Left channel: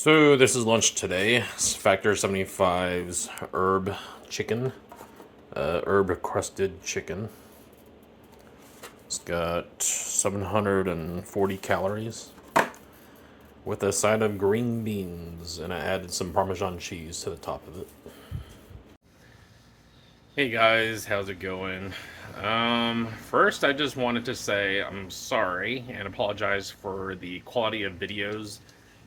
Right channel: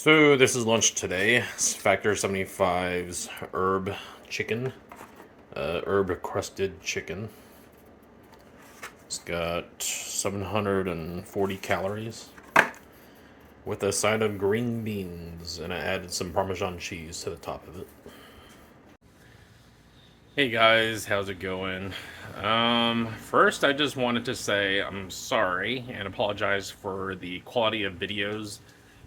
So this is lunch today. It's Factor 75's herb chicken, herb crusted chicken. It's got 740 calories with a side of green beans, and I added some Parmesan cheese to the top of it. Hey guys, how's it going? First I just wanted to say I'm sorry and apologize for the quality of videos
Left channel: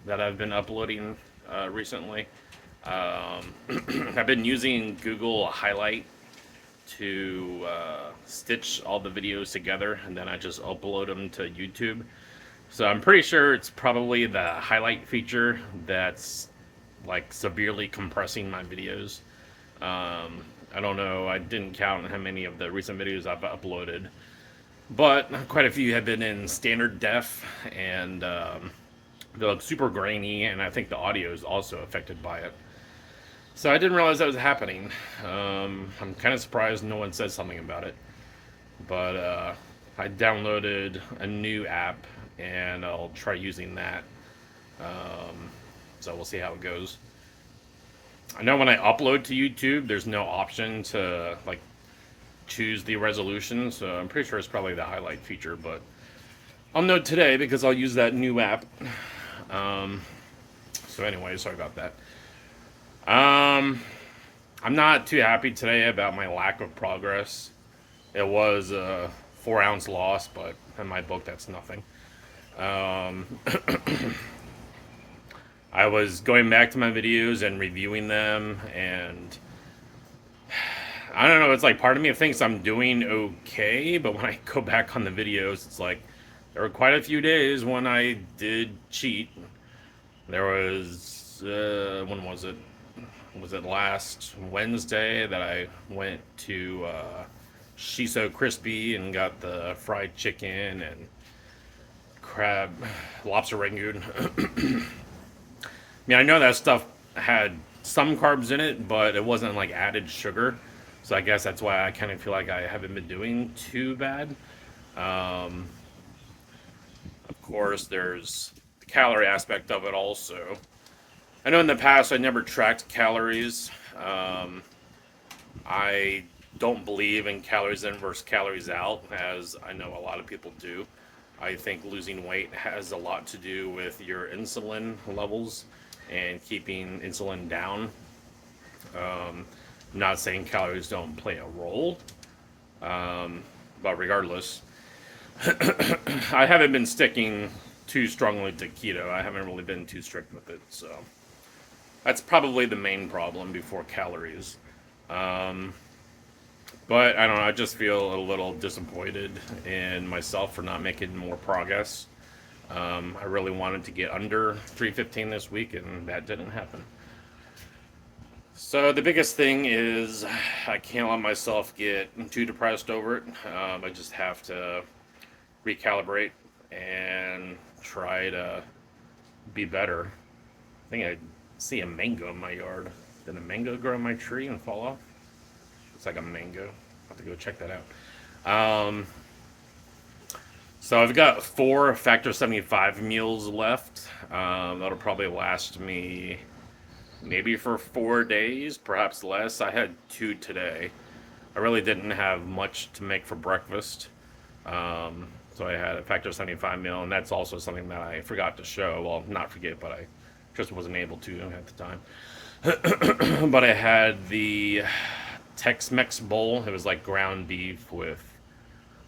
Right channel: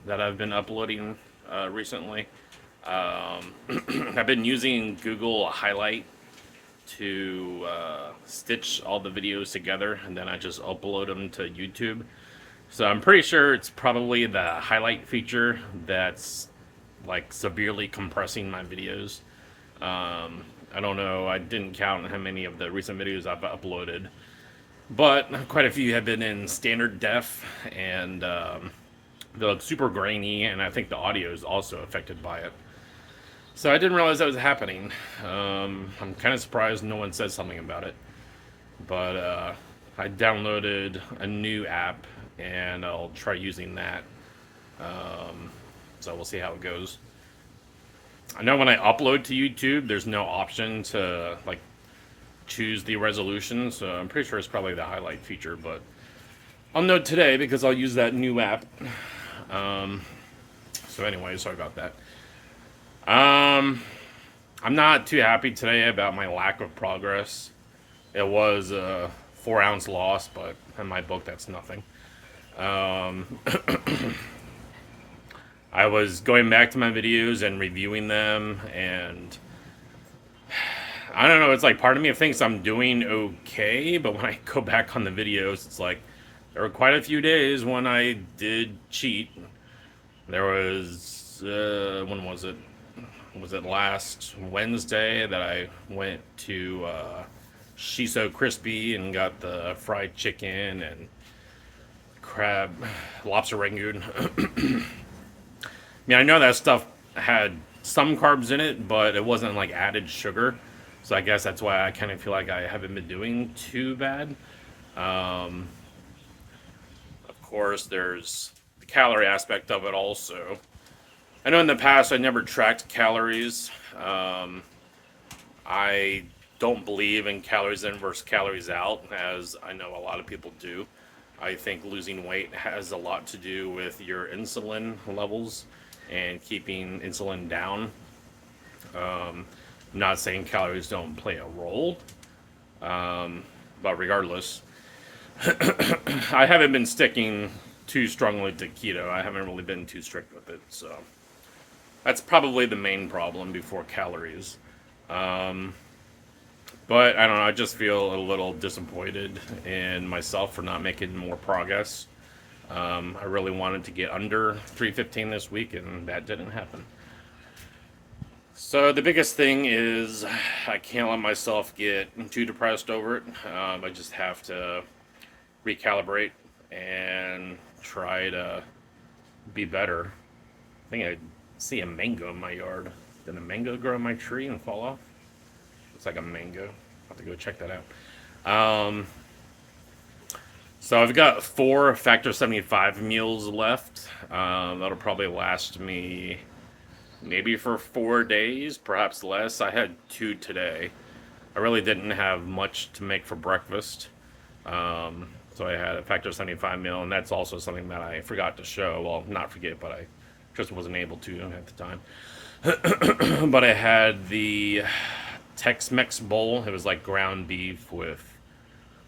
that I've been uploading recently. I've been using Google Highlight to stitch all the videos together, and then I just upload them to YouTube. So I'm pretty sure it's probably the highlight feature that's like severely compressing my videos. I don't know, I didn't count how many of the recent videos I've uploaded, but quite a few have been in standard def, and they look super grainy, and I think the audio is also affected by it. So I didn't realize that was happening. I'm kind of surprised no one said something about it, but I downloaded a new app, and I'll try using that. So we'll see how it goes. I know when I upload to YouTube, there's no option to like choose the resolution, so I'm pretty sure it's probably the highlight feature, but I'll know today because I'll use that new app. So anyway, sorry about that. I'm not too happy today about my lack of progress. It was a 4-ounce loss, but in my book, that's nothing. I was going back to my videos and reviewing them, and I don't know, it's like part of me thinks I'm doing okay, but when I go back on the videos, it's like there were quite a few days when I did cheat. There was, when was it? Was it last Wednesday that I went to She's So Crispy and got the fried chicken and crab, lobster rangoon. I mean, I know that stuff had some carbs in it, but it wasn't like added sugar. So I guess that's why I kind of feel like I haven't been doing too bad. Of course, there's the calorie aspect of it also. I know in the past I never tracked calories. I don't believe in calories in versus calories out, as I know a lot of people do. I think losing weight has a lot to do with your insulin levels and keeping insulin down. I'm not saying calories don't play a role, but regardless, I haven't been sticking too strongly to keto. I haven't really been too strict with it, so that's probably the main problem before calories. But I don't know, I just feel a little disappointed in myself for not making more progress. I really wanted to get under 315 this week, and that didn't happen. So the biggest thing is I can't let myself get too depressed over it. I just have to recalibrate and try to be better. I think I see a mango in my yard. Did a mango grow on my tree and fall off? It's like a mango. I'll have to go check that out. So I've got 4 Factor 75 meals left. That'll probably last me maybe for 4 days, perhaps less. I had 2 today. I really didn't have much to make for breakfast. So I had a Factor 75 meal, and that's also something that I forgot to show. Well, not forget, but I just wasn't able to at the time. But I had the Tex-Mex bowl. It was like ground beef with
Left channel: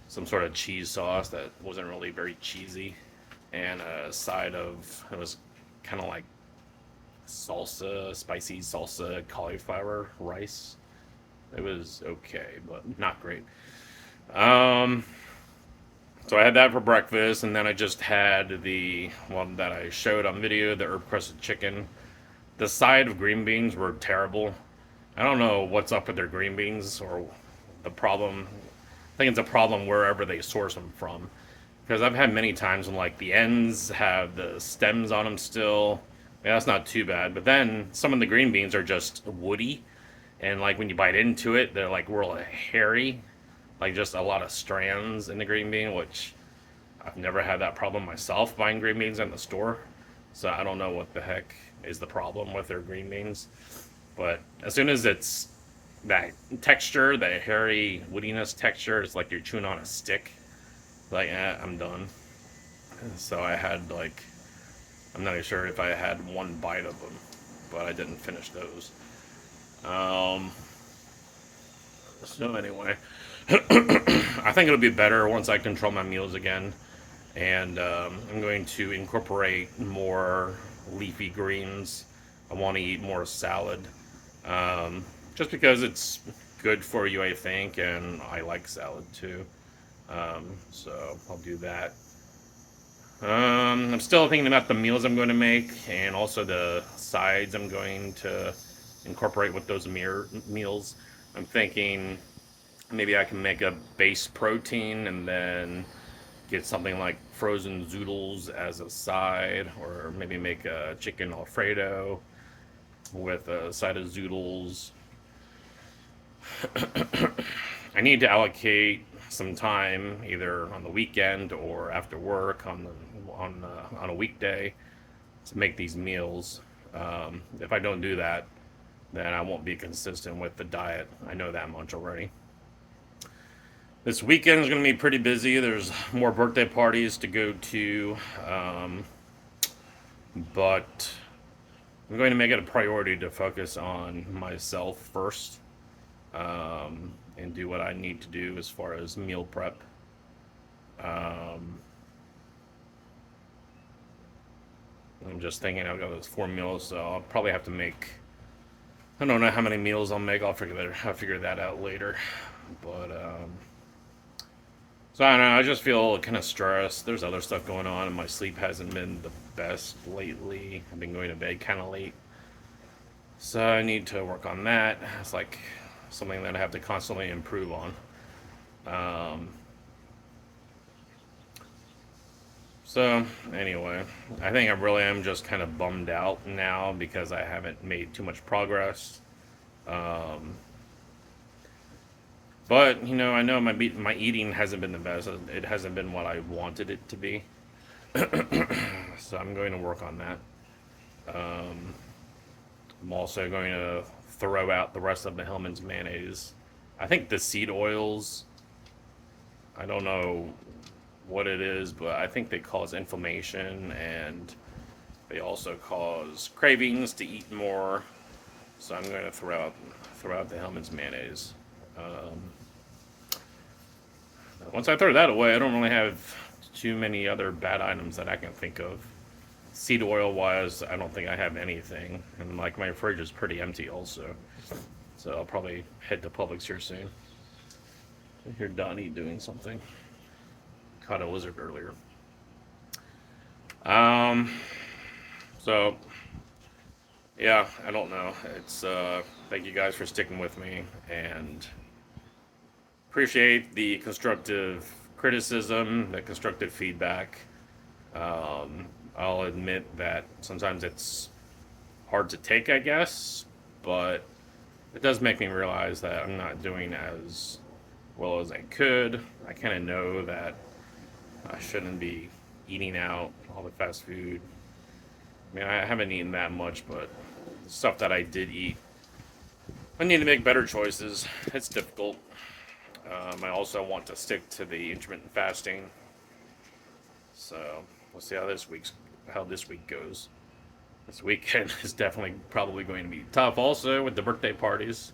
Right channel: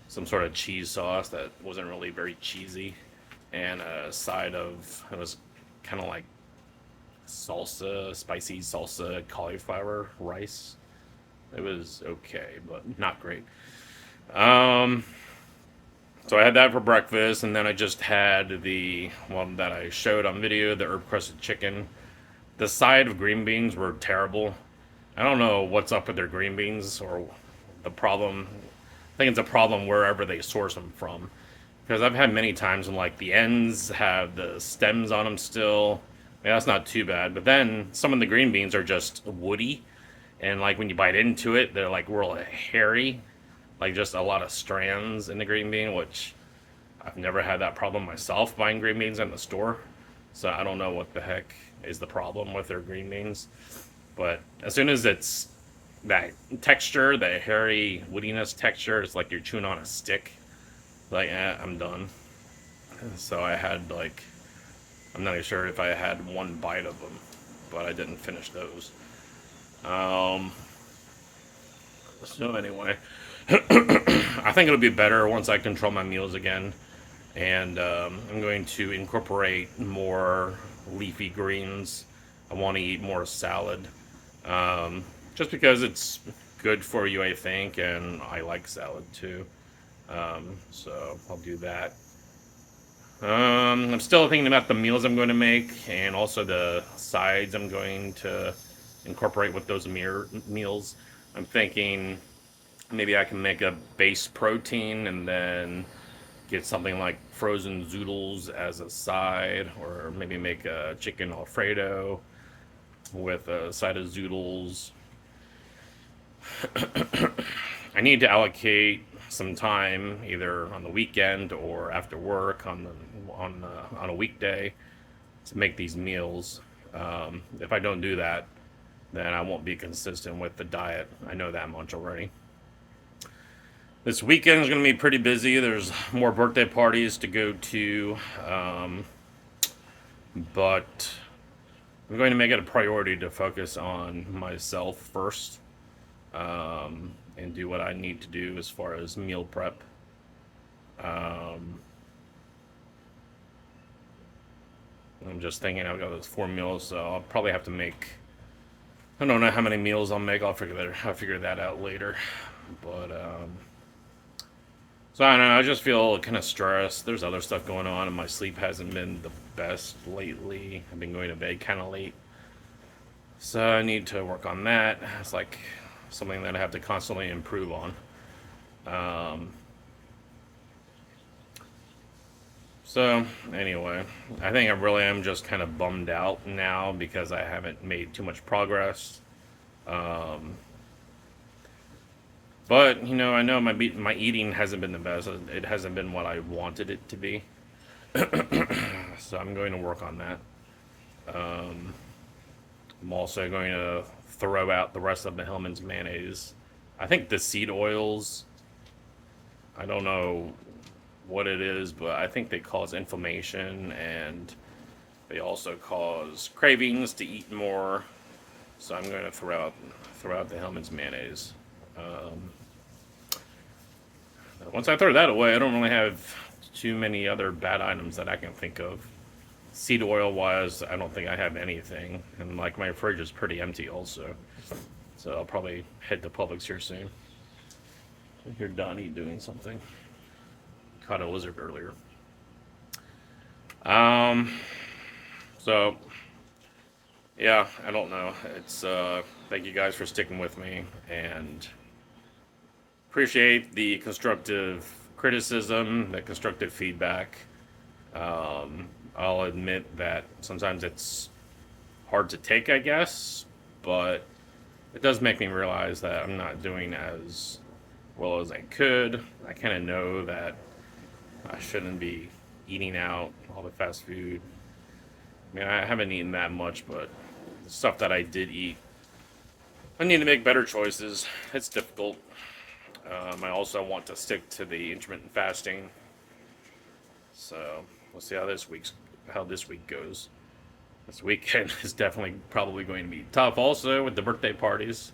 some sort of cheese sauce that wasn't really very cheesy, and a side of, it was kind of like salsa, spicy salsa cauliflower rice. It was okay, but not great. So I had that for breakfast, and then I just had the one that I showed on video, the herb crusted chicken. The side of green beans were terrible. I don't know what's up with their green beans or the problem. I think it's a problem wherever they source them from. Because I've had many times when like the ends have the stems on them still. Yeah, that's not too bad. But then some of the green beans are just woody. And like when you bite into it, they're like real hairy. Like just a lot of strands in the green bean, which I've never had that problem myself buying green beans in the store. So I don't know what the heck is the problem with their green beans. But as soon as it's that texture, that hairy woodiness texture, it's like you're chewing on a stick. Like, I'm done. So I had like, I'm not even sure if I had one bite of them, but I didn't finish those. So anyway, I think it'll be better once I control my meals again, and I'm going to incorporate more leafy greens. I want to eat more salad, just because it's good for you, I think, and I like salad too. So I'll do that. I'm still thinking about the meals I'm going to make, and also the sides I'm going to incorporate with those meals. I'm thinking maybe I can make a base protein and then get something like frozen zoodles as a side, or maybe make a chicken Alfredo with a side of zoodles. I need to allocate some time either on the weekend or after work on a weekday to make these meals. If I don't do that, then I won't be consistent with the diet. I know that much already. This weekend is going to be pretty busy. There's more birthday parties to go to, but I'm going to make it a priority to focus on myself first, and do what I need to do as far as meal prep. I'm just thinking I've got those 4 meals, so I'll probably have to make. I don't know how many meals I'll make. I'll figure that out later. But so I don't know. I just feel kind of stressed. There's other stuff going on, and my sleep hasn't been the best lately. I've been going to bed kind of late, so I need to work on that. It's like something that I have to constantly improve on. So anyway, I think I really am just kind of bummed out now because I haven't made too much progress. But you know, I know my eating hasn't been the best. It hasn't been what I wanted it to be. So I'm going to work on that. I'm also going to throw out the rest of the Hellman's mayonnaise. I think the seed oils, I don't know what it is, but I think they cause inflammation, and they also cause cravings to eat more. So I'm going to throw out the Hellman's mayonnaise. Once I throw that away, I don't really have too many other bad items that I can think of. Seed oil wise, I don't think I have anything, and like my fridge is pretty empty also. So I'll probably head to Publix here soon. I hear Donnie doing something. Caught a lizard earlier. So yeah, I don't know. It's thank you guys for sticking with me, and appreciate the constructive criticism, the constructive feedback. I'll admit that sometimes it's hard to take, I guess, but it does make me realize that I'm not doing as well as I could. I kind of know that I shouldn't be eating out all the fast food. I mean, I haven't eaten that much, but the stuff that I did eat, I need to make better choices. It's difficult. I also want to stick to the intermittent fasting. So we'll see how this week goes. This weekend is definitely probably going to be tough also with the birthday parties.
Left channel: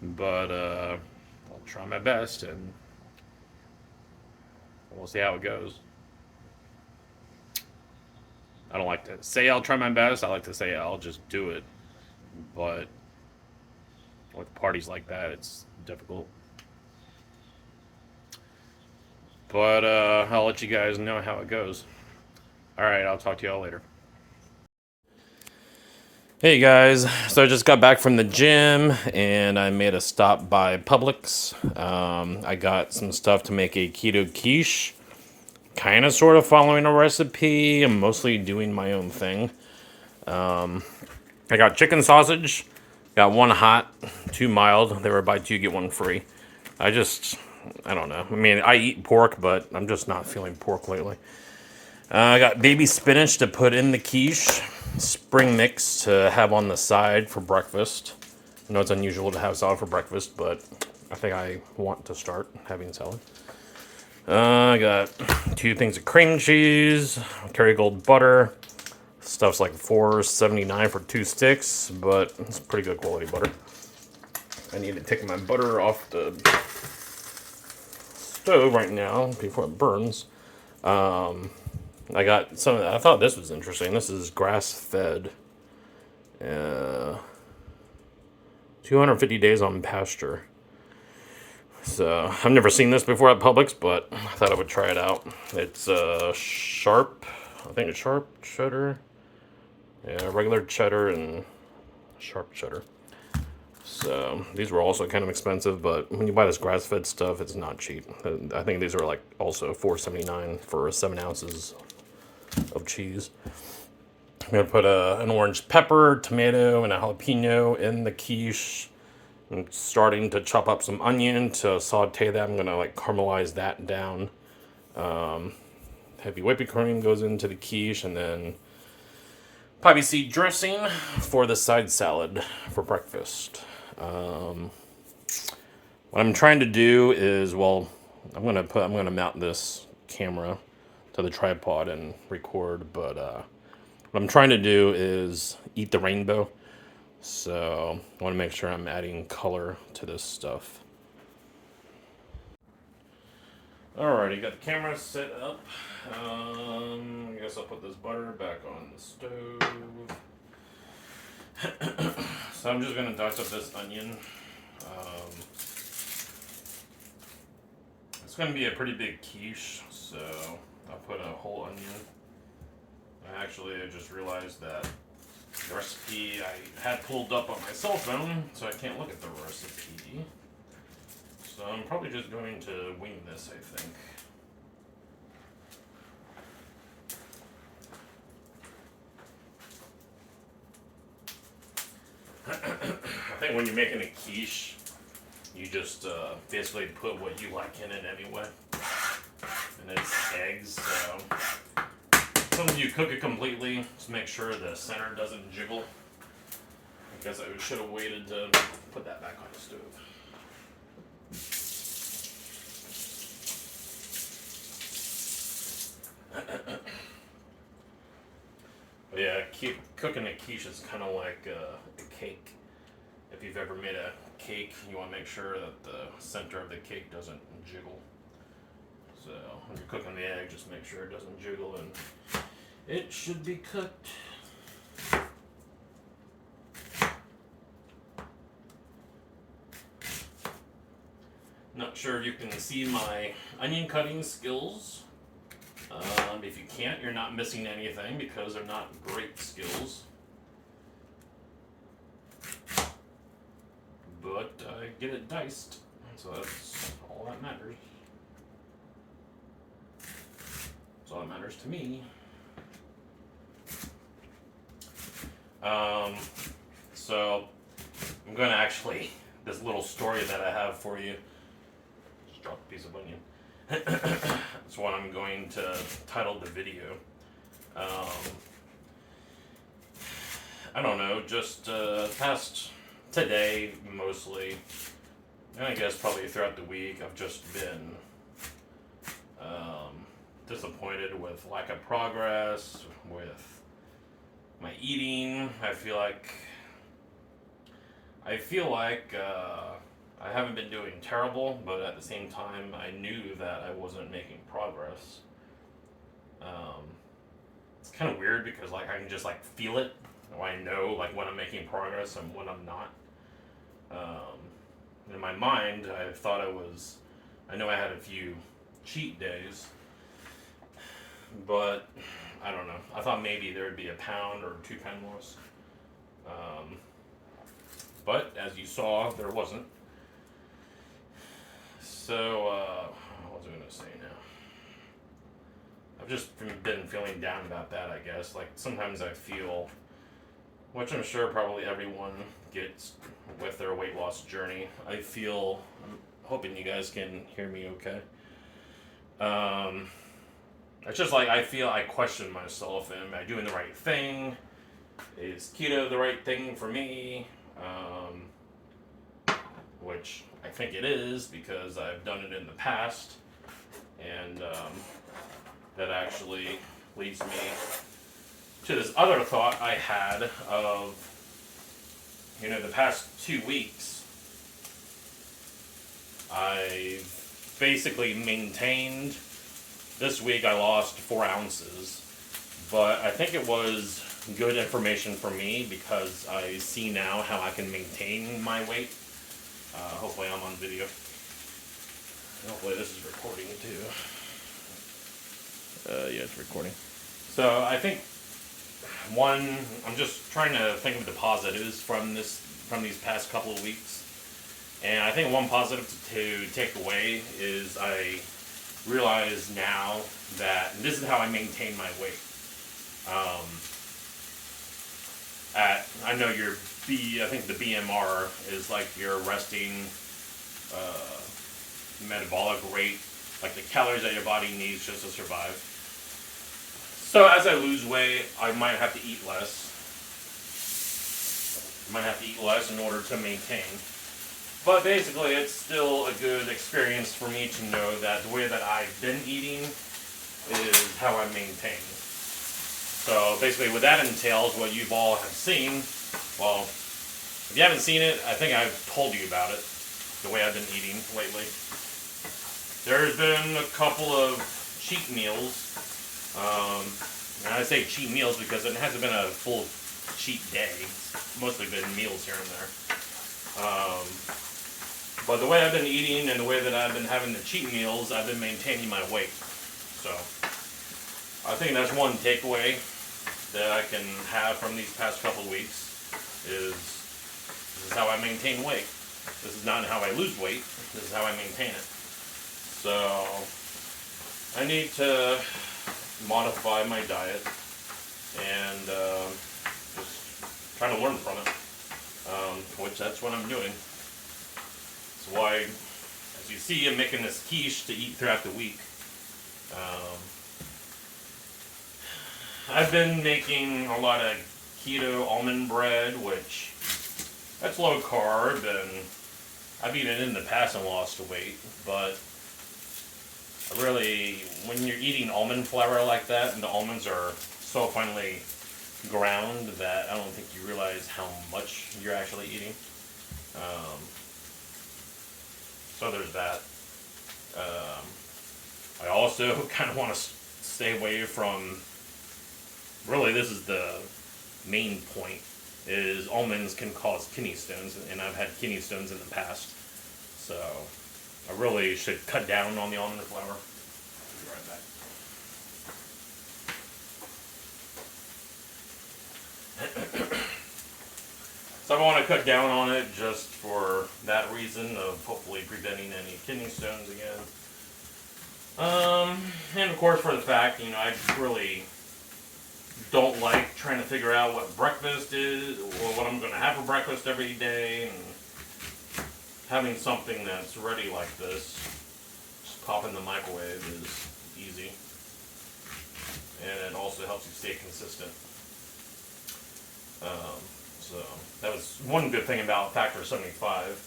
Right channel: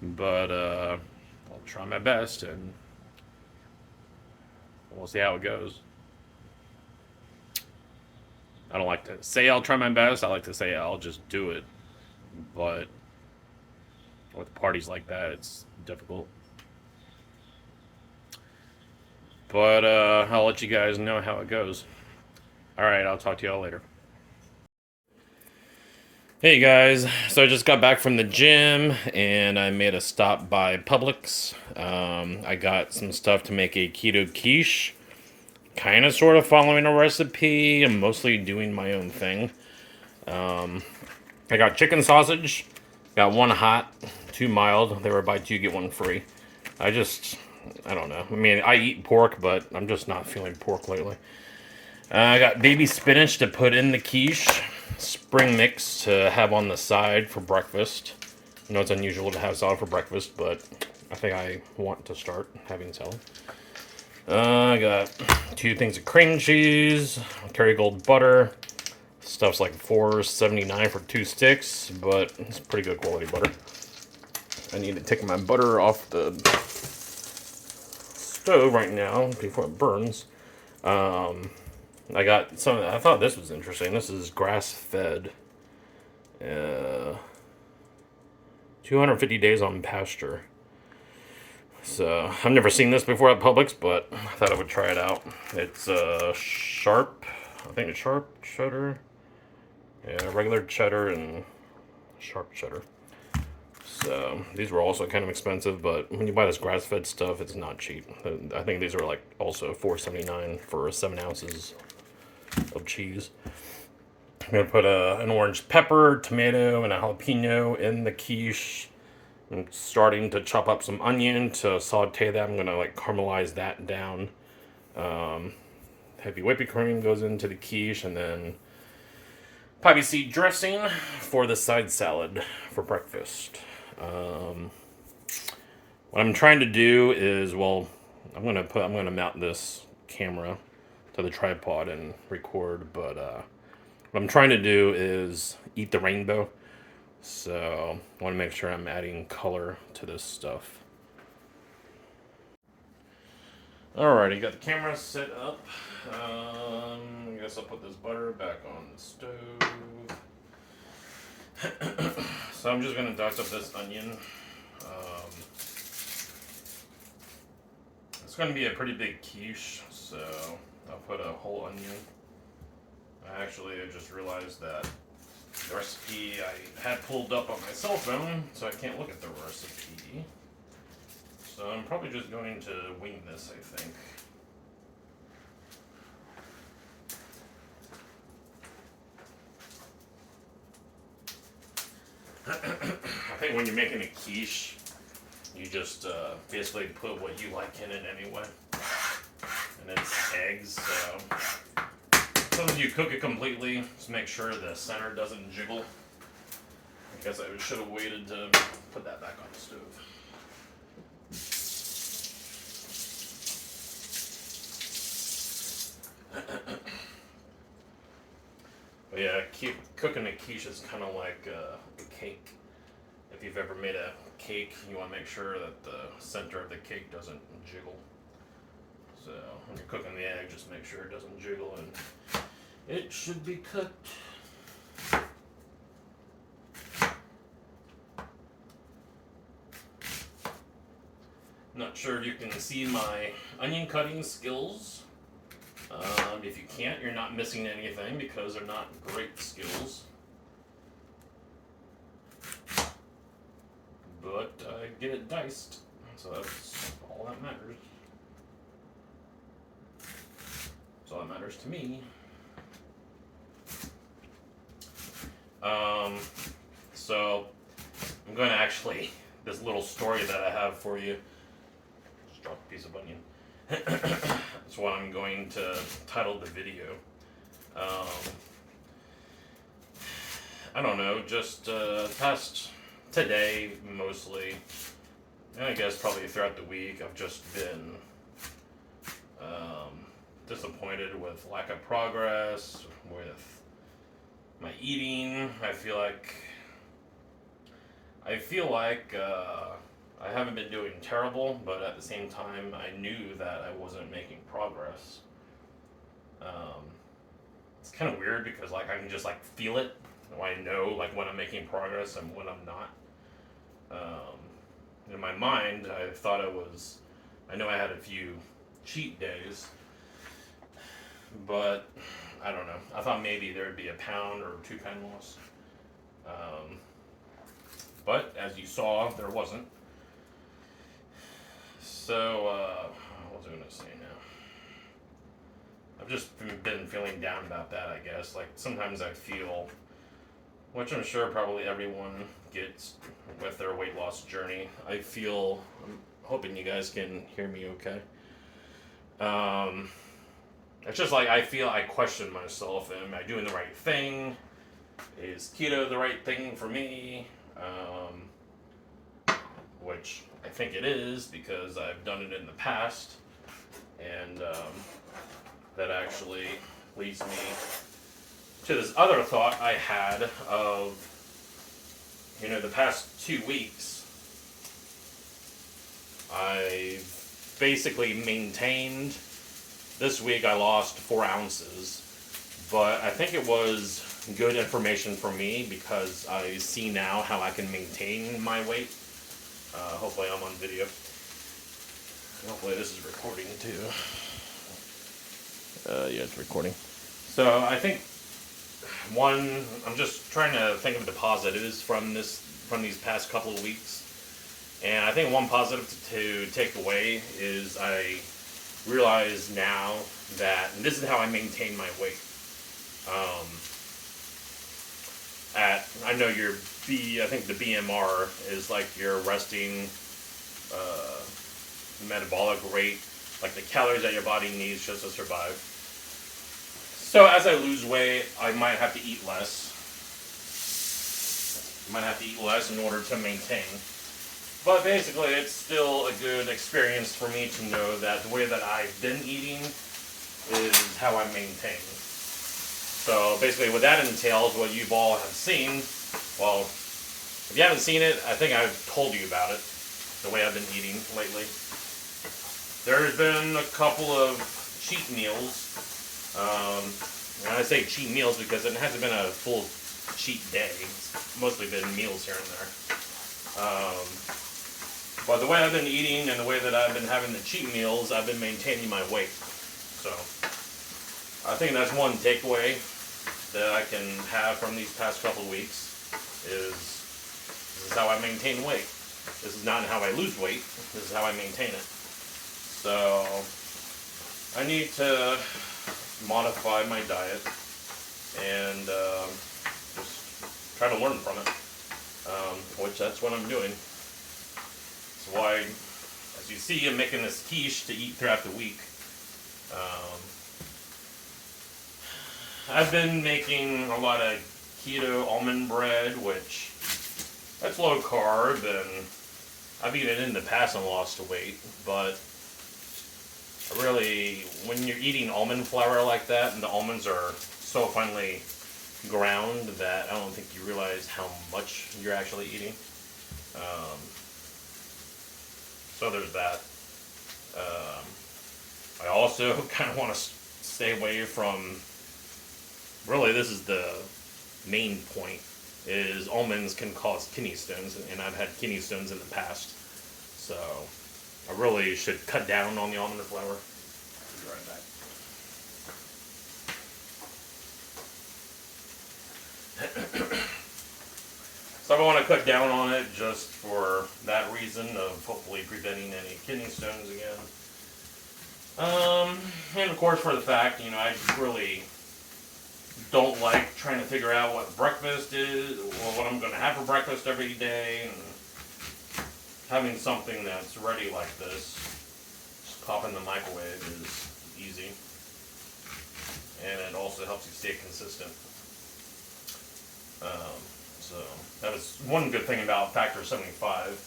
But I'll try my best, and we'll see how it goes. I don't like to say I'll try my best. I like to say I'll just do it. But with parties like that, it's difficult. But I'll let you guys know how it goes. All right, I'll talk to y'all later. Hey guys, so I just got back from the gym and I made a stop by Publix. I got some stuff to make a keto quiche. Kind of sort of following a recipe. I'm mostly doing my own thing. I got chicken sausage. Got one hot, 2 mild. They were buy 2 get 1 free. I don't know. I mean, I eat pork, but I'm just not feeling pork lately. I got baby spinach to put in the quiche. spring mix to have on the side for breakfast. I know it's unusual to have salad for breakfast, but I think I want to start having salad. I got 2 things of cream cheese, Kerrygold butter. Stuff's like $4.79 for 2 sticks, but it's pretty good quality butter. I need to take my butter off the stove right now before it burns. I got some. I thought this was interesting. This is grass-fed. 250 days on pasture. So I've never seen this before at Publix, but I thought I would try it out. It's sharp. I think it's sharp cheddar. Yeah, regular cheddar and sharp cheddar. So these were also kind of expensive, but when you buy this grass-fed stuff, it's not cheap. I think these are like also $4.79 for 7 ounces of cheese. I'm gonna put an orange pepper, tomato, and a jalapeno in the quiche. I'm starting to chop up some onion to saute that. I'm gonna like caramelize that down. Heavy whipping cream goes into the quiche, and then poppy seed dressing for the side salad for breakfast. What I'm trying to do is, well, I'm gonna mount this camera to the tripod and record, but what I'm trying to do is eat the rainbow. So I want to make sure I'm adding color to this stuff. Alrighty, got the camera set up. I guess I'll put this butter back on the stove. So I'm just gonna dice up this onion. It's gonna be a pretty big quiche, so I'll put a whole onion. I just realized that the recipe I had pulled up on my cell phone, so I can't look at the recipe. So I'm probably just going to wing this, I think. I think when you're making a quiche, you just basically put what you like in it anyway. And it's eggs, so sometimes you cook it completely, just make sure the center doesn't jiggle. I guess I should have waited to put that back on the stove. But yeah, cooking a quiche is kind of like a cake. If you've ever made a cake, you want to make sure that the center of the cake doesn't jiggle. So when you're cooking the egg, just make sure it doesn't jiggle, and it should be cooked. Not sure if you can see my onion cutting skills. If you can't, you're not missing anything because they're not great skills. But I get it diced, so that's all that matters. That's all that matters to me. So I'm going to actually, this little story that I have for you, just drop a piece of onion. That's what I'm going to title the video. I don't know, just past today mostly, and I guess probably throughout the week, I've just been disappointed with lack of progress, with my eating. I feel like I haven't been doing terrible, but at the same time, I knew that I wasn't making progress. It's kind of weird because like I can just like feel it, or I know like when I'm making progress and when I'm not. In my mind, I know I had a few cheat days, but I don't know. I thought maybe there'd be a pound or 2 pound loss. But as you saw, there wasn't. So, what was I going to say now? I've just been feeling down about that, I guess. Like, sometimes I feel, which I'm sure probably everyone gets with their weight loss journey. I'm hoping you guys can hear me okay. It's just like I feel I question myself. Am I doing the right thing? is keto the right thing for me? Which I think it is because I've done it in the past, and that actually leads me to this other thought I had of, the past 2 weeks, I've basically maintained. This week I lost 4 ounces, but I think it was good information for me because I see now how I can maintain my weight. Hopefully I'm on video. Hopefully this is recording too. Yeah, it's recording. So I think I'm just trying to think of the positives from these past couple of weeks. And I think one positive to take away is I realize now that this is how I maintain my weight. I know I think the BMR is like your resting metabolic rate, like the calories that your body needs just to survive. So as I lose weight, I might have to eat less. In order to maintain. But basically, it's still a good experience for me to know that the way that I've been eating is how I maintain. So basically what that entails, what you've all have seen, well, if you haven't seen it, I think I've told you about it, the way I've been eating lately. There's been a couple of cheat meals. And I say cheat meals because it hasn't been a full cheat day. It's mostly been meals here and there. But the way I've been eating and the way that I've been having the cheat meals, I've been maintaining my weight. So I think that's one takeaway that I can have from these past couple of weeks is this is how I maintain weight. This is not how I lose weight. This is how I maintain it. So I need to modify my diet and just try to learn from it, which that's what I'm doing. That's why, as you see, I'm making this quiche to eat throughout the week. I've been making a lot of keto almond bread, which that's low carb, and I've eaten it in the past and lost weight, but really, when you're eating almond flour like that, and the almonds are so finely ground that I don't think you realize how much you're actually eating. So there's that. I also kind of want to stay away from, really this is the main point, is almonds can cause kidney stones, and I've had kidney stones in the past. So I really should cut down on the almond flour. I'll be right back. So I want to cut down on it just for that reason of hopefully preventing any kidney stones again. And of course for the fact, I really don't like trying to figure out what breakfast is or what I'm going to have for breakfast every day, and having something that's ready like this, just pop in the microwave, is easy. And it also helps you stay consistent. So that was one good thing about Factor 75,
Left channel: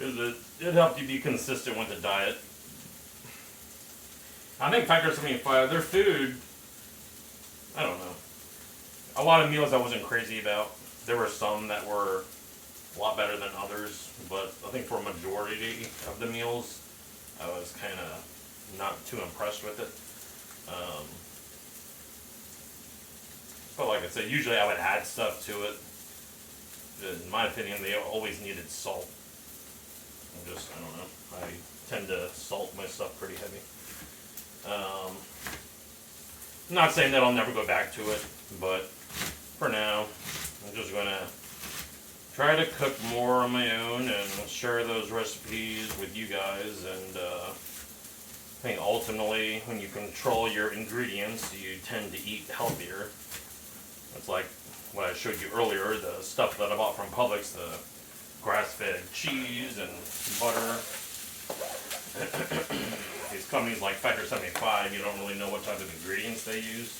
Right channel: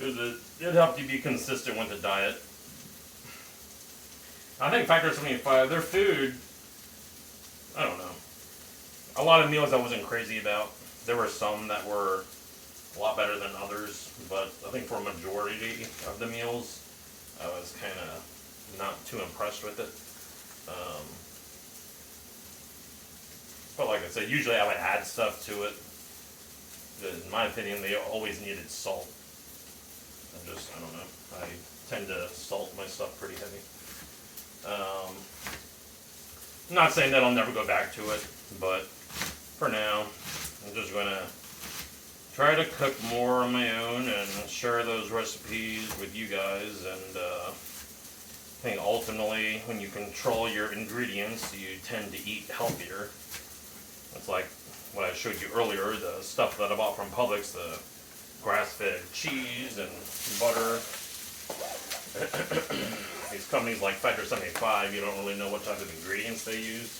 is that it helped you be consistent with the diet. I think Factor 75, their food, I don't know. A lot of meals I wasn't crazy about. There were some that were a lot better than others, but I think for a majority of the meals, I was kind of not too impressed with it. But like I said, usually I would add stuff to it. In my opinion, they always needed salt. I don't know. I tend to salt my stuff pretty heavy. I'm not saying that I'll never go back to it, but for now, I'm just going to try to cook more on my own and share those recipes with you guys. And I think ultimately, when you control your ingredients, you tend to eat healthier. It's like what I showed you earlier, the stuff that I bought from Publix, the grass-fed cheese and butter. These companies like Factor 75, you don't really know what type of ingredients they use.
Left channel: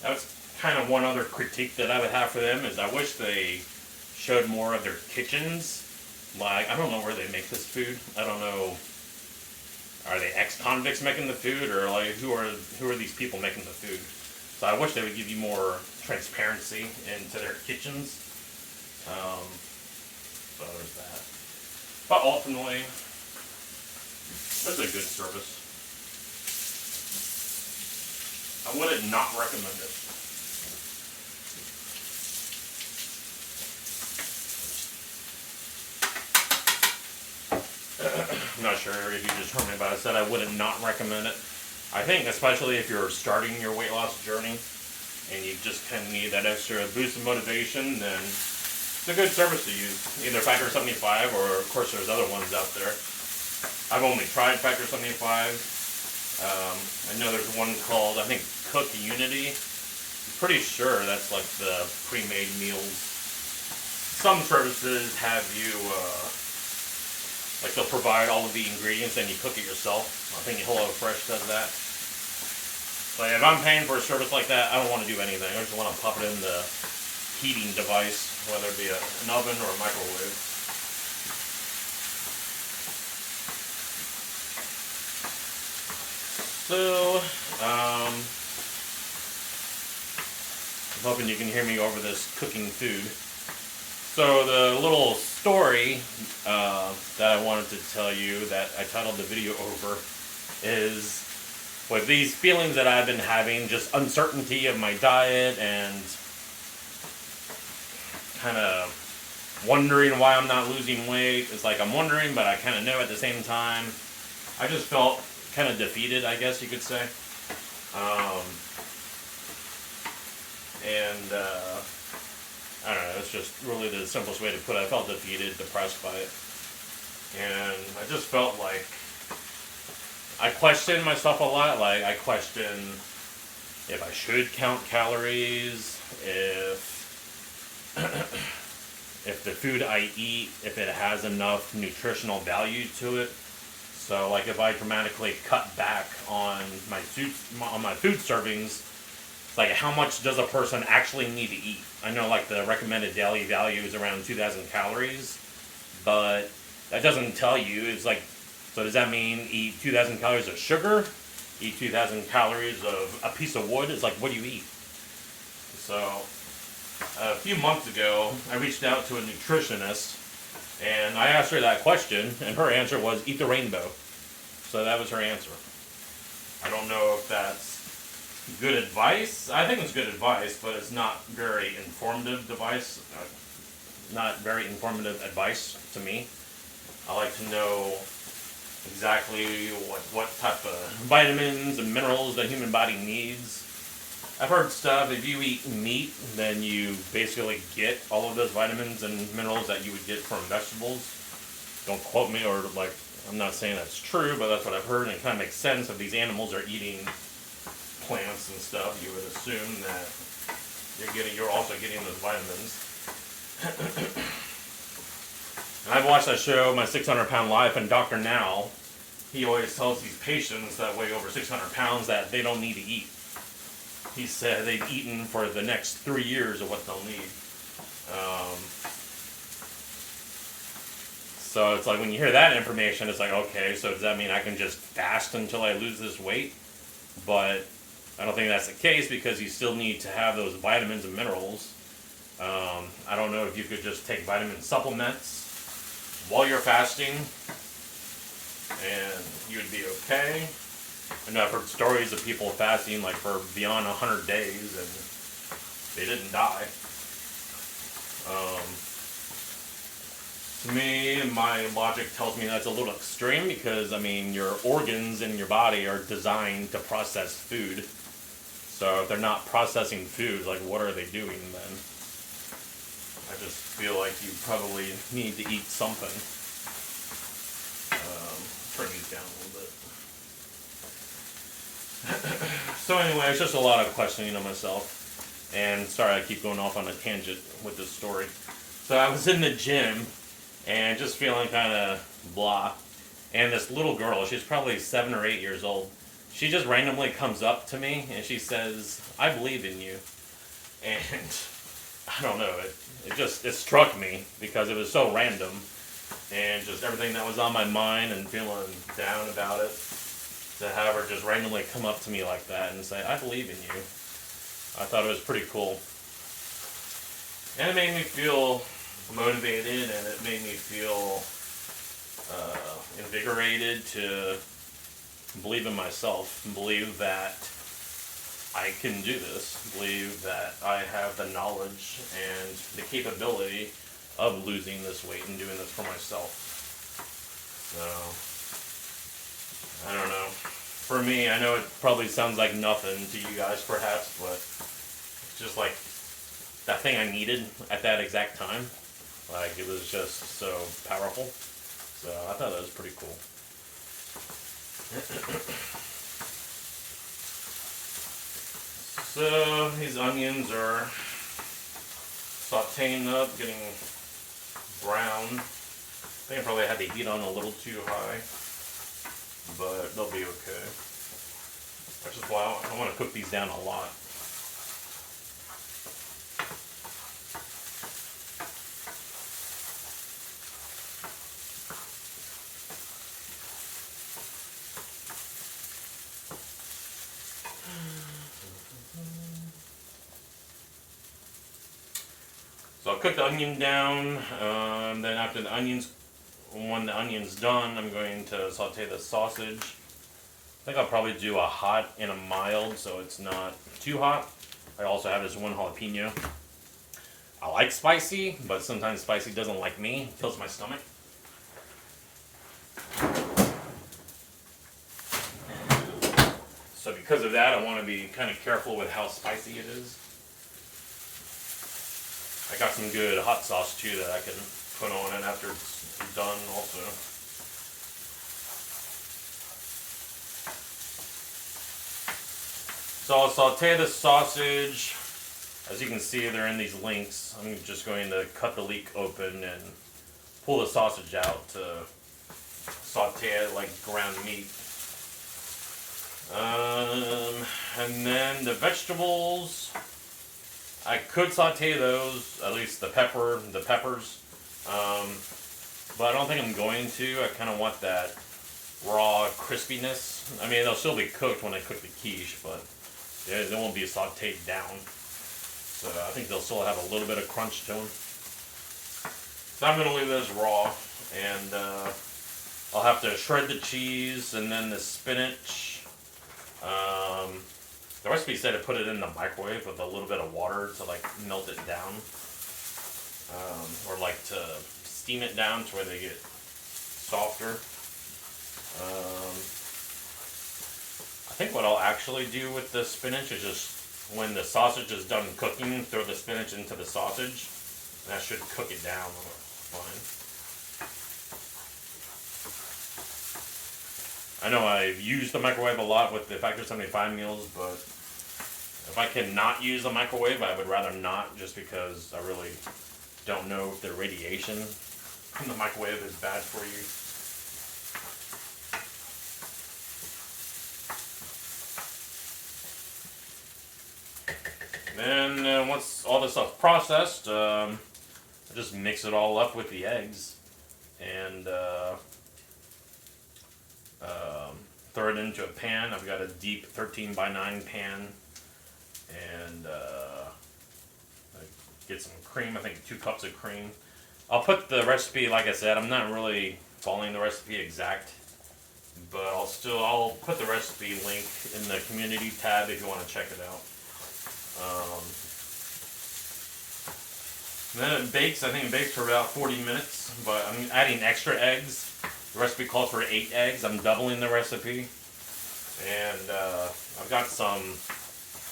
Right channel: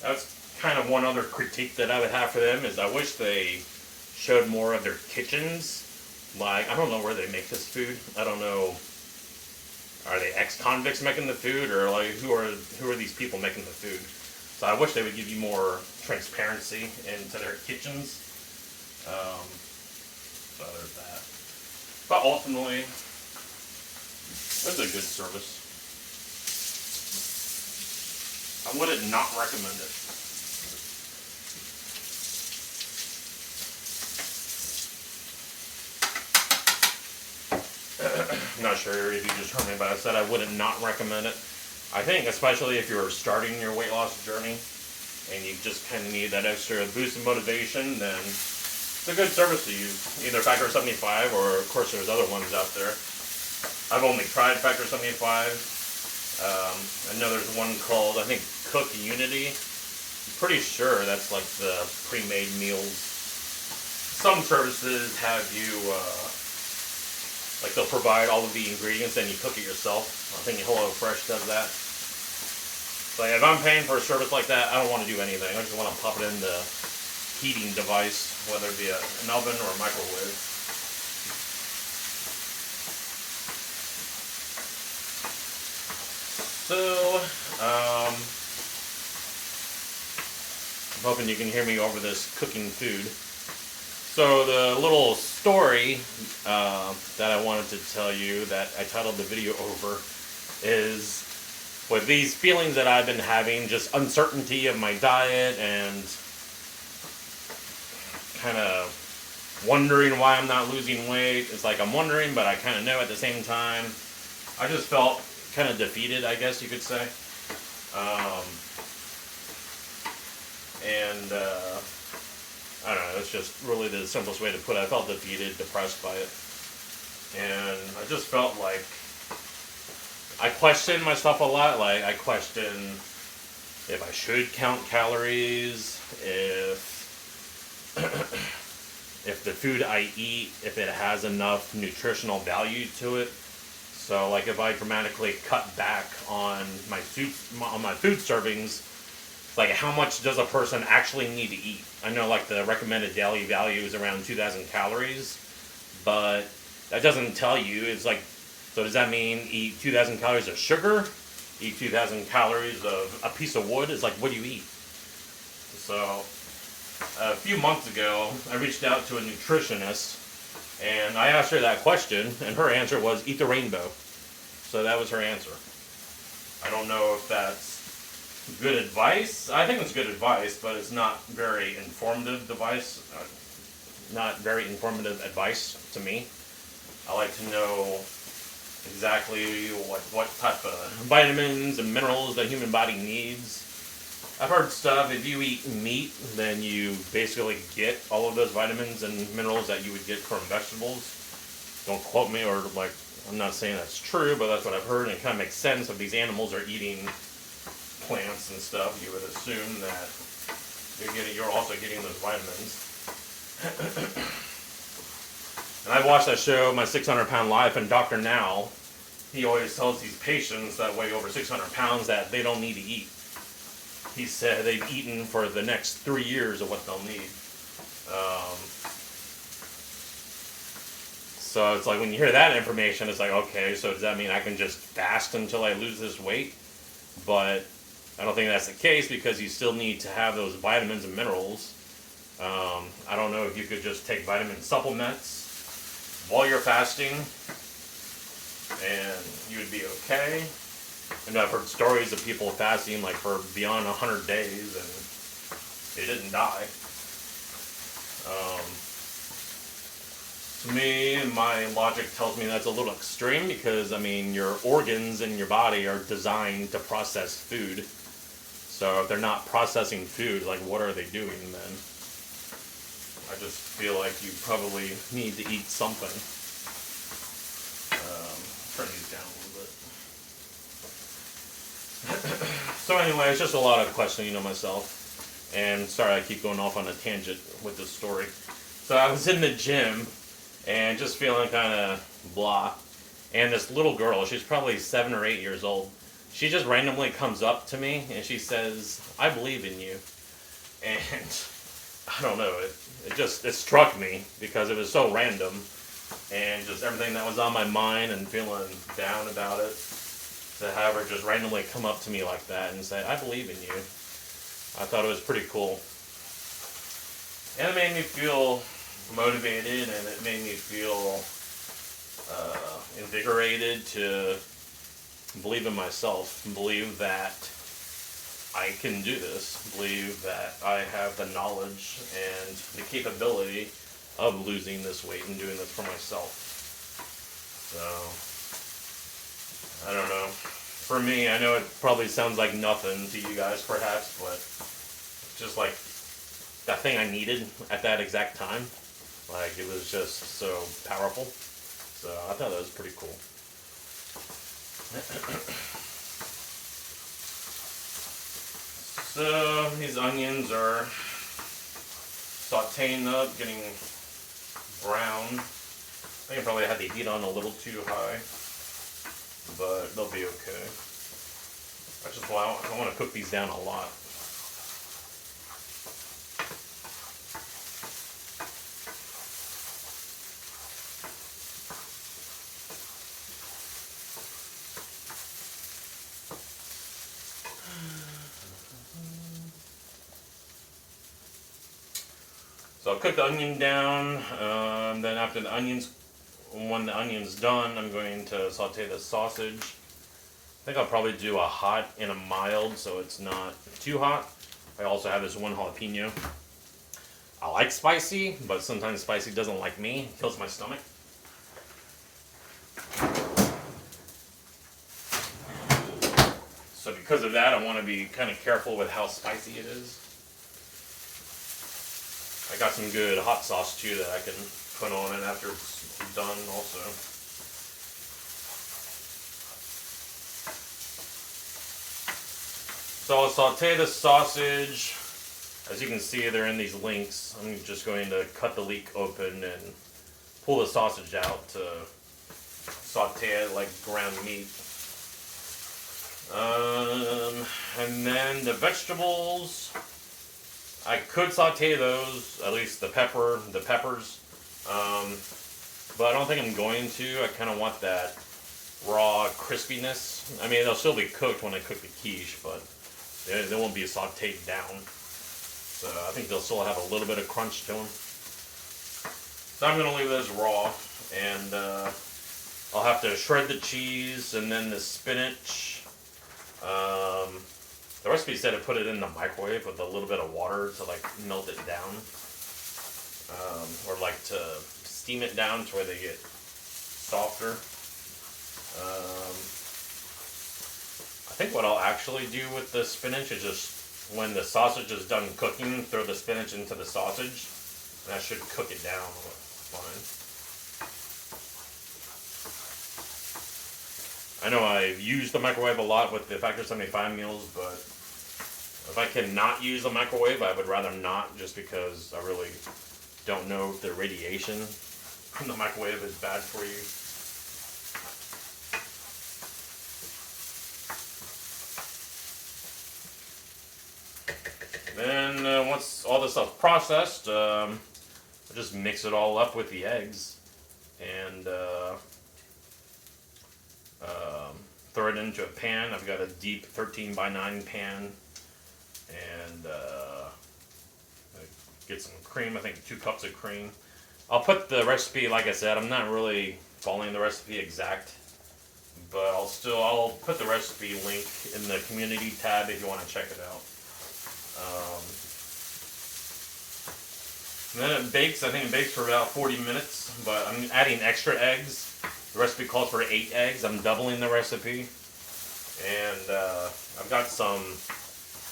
That's kind of one other critique that I would have for them is I wish they showed more of their kitchens. Like, I don't know where they make this food. I don't know. Are they ex-convicts making the food, or like who are these people making the food? So I wish they would give you more transparency into their kitchens. So there's that. But ultimately, it's a good service. I wouldn't not recommend it. I'm not sure if you just heard me, but I said I wouldn't not recommend it. I think especially if you're starting your weight loss journey and you just kind of need that extra boost of motivation, then it's a good service to use. Either Factor 75 or, of course, there's other ones out there. I've only tried Factor 75. I know there's one called, I think, Cook Unity. I'm pretty sure that's like the pre-made meals. Some services have you, like they'll provide all of the ingredients and you cook it yourself. I think HelloFresh does that. Like if I'm paying for a service like that, I don't want to do anything. I just want to pop it in the heating device, whether it be an oven or a microwave. So, I'm hoping you can hear me over this cooking food. So the little story that I wanted to tell you that I titled the video over is with these feelings that I've been having, just uncertainty of my diet and kind of wondering why I'm not losing weight. It's like I'm wondering, but I kind of know at the same time. I just felt kind of defeated, I guess you could say. I don't know, it's just really the simplest way to put it. I felt defeated, depressed by it. And I just felt like I questioned myself a lot. Like, I questioned if I should count calories, if the food I eat, if it has enough nutritional value to it. So, like, if I dramatically cut back on my food servings, like, how much does a person actually need to eat? I know, like, the recommended daily value is around 2,000 calories, but that doesn't tell you. It's like, so does that mean eat 2,000 calories of sugar? Eat 2,000 calories of a piece of wood? It's like, what do you eat? So, a few months ago, I reached out to a nutritionist, and I asked her that question, and her answer was, eat the rainbow. So that was her answer. I don't know if that's good advice. I think it's good advice, but it's not very informative advice. Not very informative advice to me. I like to know exactly what type of vitamins and minerals the human body needs. I've heard stuff, if you eat meat, then you basically get all of those vitamins and minerals that you would get from vegetables. Don't quote me, or like, I'm not saying that's true, but that's what I've heard, and it kind of makes sense. If these animals are eating plants and stuff, you would assume that you're also getting those vitamins. And I've watched that show, My 600-Pound Life, and Dr. Now, he always tells these patients that weigh over 600 pounds that they don't need to eat. He said they've eaten for the next 3 years of what they'll need. So it's like when you hear that information, it's like, okay, so does that mean I can just fast until I lose this weight? But I don't think that's the case, because you still need to have those vitamins and minerals. I don't know if you could just take vitamin supplements while you're fasting and you would be okay. I know I've heard stories of people fasting like for beyond 100 days and they didn't die. To me, my logic tells me that's a little extreme, because, I mean, your organs in your body are designed to process food. So if they're not processing food, like, what are they doing then? I just feel like you probably need to eat something. Turn these down a little bit. So anyway, it's just a lot of questioning of myself. And sorry, I keep going off on a tangent with this story. So I was in the gym and just feeling kind of blah. And this little girl, she's probably 7 or 8 years old, she just randomly comes up to me and she says, "I believe in you." And I don't know, it struck me because it was so random, and just everything that was on my mind and feeling down about it, to have her just randomly come up to me like that and say, "I believe in you." I thought it was pretty cool. And it made me feel motivated, and it made me feel invigorated to believe in myself, believe that I can do this, believe that I have the knowledge and the capability of losing this weight and doing this for myself. So, I don't know. For me, I know it probably sounds like nothing to you guys perhaps, but it's just like that thing I needed at that exact time. Like, it was just so powerful. So I thought that was pretty cool. So these onions are sauteing up, getting brown. I think I probably had the heat on a little too high, but they'll be okay. That's just why I want to cook these down a lot. So I'll cook the onion down, then after when the onion's done, I'm going to saute the sausage. I think I'll probably do a hot and a mild so it's not too hot. I also have this one jalapeno. I like spicy, but sometimes spicy doesn't like me. It fills my stomach. So because of that, I want to be kind of careful with how spicy it is. I got some good hot sauce too that I can put on it after it's done also. So I'll saute the sausage. As you can see, they're in these links. I'm just going to cut the leek open and pull the sausage out to saute it like ground meat. And then the vegetables, I could saute those, at least the peppers, but I don't think I'm going to. I kind of want that raw crispiness. I mean, they'll still be cooked when I cook the quiche, but they won't be sauteed down. So I think they'll still have a little bit of crunch to them. So I'm going to leave those raw, and I'll have to shred the cheese and then the spinach. The recipe said to put it in the microwave with a little bit of water to like melt it down, or like to steam it down to where they get softer. I think what I'll actually do with the spinach is just when the sausage is done cooking, throw the spinach into the sausage, and that should cook it down fine. I know I've used the microwave a lot with the Factor 75 meals, but if I can not use the microwave, I would rather not, just because I really don't know if the radiation in the microwave is bad for you. Then once all this stuff's processed, I just mix it all up with the eggs and throw it into a pan. I've got a deep 13x9 pan, and get some cream. I think 2 cups of cream. I'll put the recipe, like I said, I'm not really following the recipe exact, but I'll put the recipe link in the community tab if you want to check it out. And then it bakes. I think it bakes for about 40 minutes, but I'm adding extra eggs. The recipe calls for 8 eggs. I'm doubling the recipe. And I've got some